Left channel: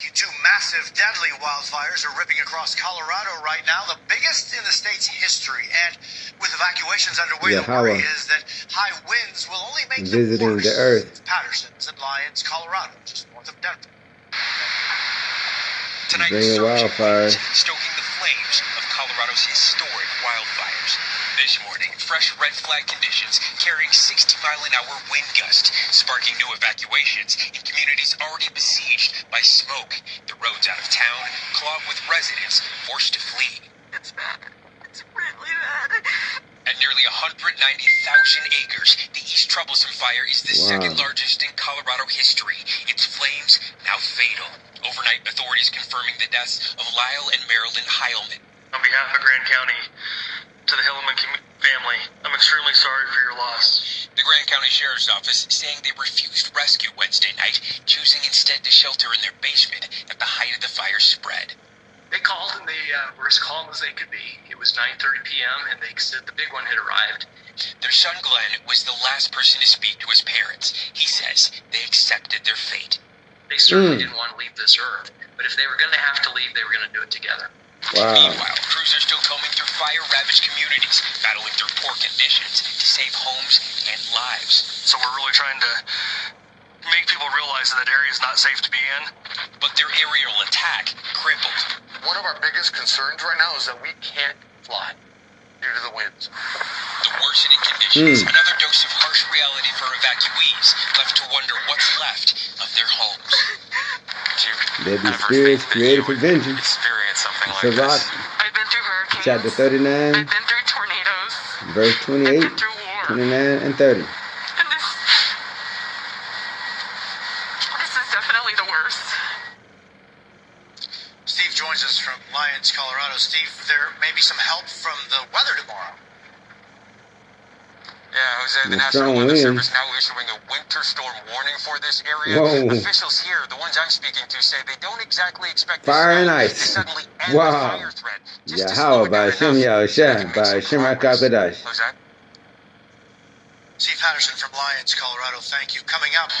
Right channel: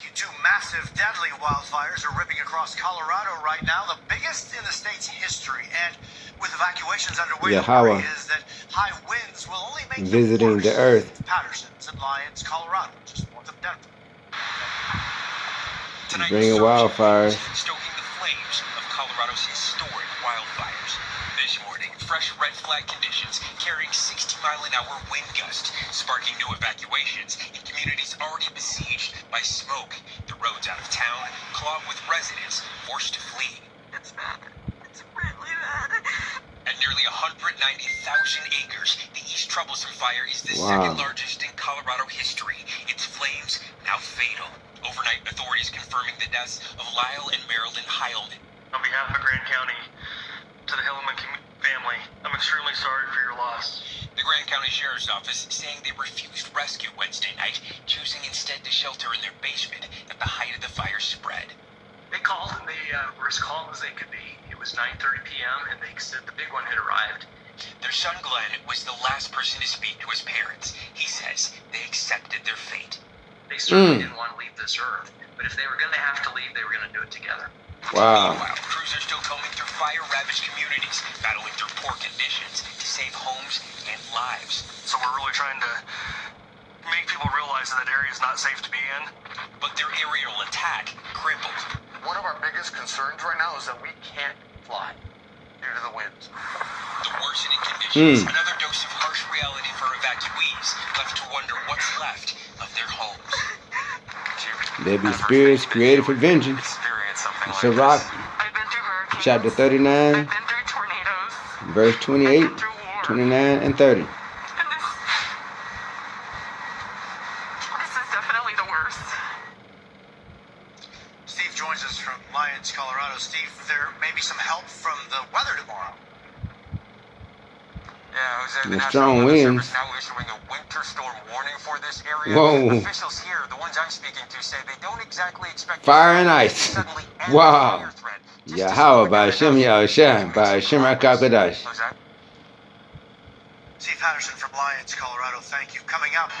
Two massive, deadly wildfires are ripping across Colorado right now, the biggest in the state's history. And with evacuations underway, YAHAWAH the worry is that high winds will only make visiting it worse. the earth. Patterson's in Lyons, Colorado, just north of Denver. Tonight, Bringing wildfires. Stoking the flames of Colorado's historic wildfires. This morning, fresh red flag conditions carrying 60-mile-an-hour wind gusts, sparking new evacuations in communities already besieged by smoke. The roads out of town clogged with residents forced to flee. It's bad. It's really bad. At nearly 190,000 acres, the East Troublesome Fire is the second largest in Colorado history. Its flames now fatal. Overnight, authorities confirming the deaths of Lyle and Marilyn Heilman. On behalf of Grand County, to the Hillman family, I'm extremely sorry for your loss. The Grand County Sheriff's Office saying they refused rescue Wednesday night, choosing instead to shelter in their basement at the height of the fire's spread. They called and they were as calm as they could be. It was 9:30 p.m. and they said the big one had arrived. Their son Glenn was the last person to speak to his parents. He says they accepted their fate. They certainly didn't want to leave this earth, but if they were going to have to leave, they were going to do it together. Wow. Meanwhile, crews are still combing through fire-ravaged communities, battling through poor conditions to save homes and lives. So we're really trying to make people realize that area is not safe to be in. But their aerial attack crippled. One of our biggest concerns right now is that we can't fly due to the winds. The worsening conditions, another dose of harsh reality for evacuees, left to wonder what's left of their homes. There be spirits created for vengeance. It's a rock. I've been through hurricanes. Chapter 39, I've been through tornadoes. verse 28, 29, and 30. And this is definitely the worst. Steve joins us from Lyons, Colorado. Steve, there may be some help from the weather tomorrow. Yeah, Jose, The the National strong Weather winds. Service now issuing a winter storm warning for this area. Whoa. Officials here, the ones I'm speaking to, say they don't exactly expect Fire and to ice. suddenly end Wow. the fire threat. Just to slow YAHAWAH it by down Shem enough Yahushua to by make Shem some progress. HaKadosh. Jose? Steve Patterson from Lyons, Colorado, thank you. Coming up.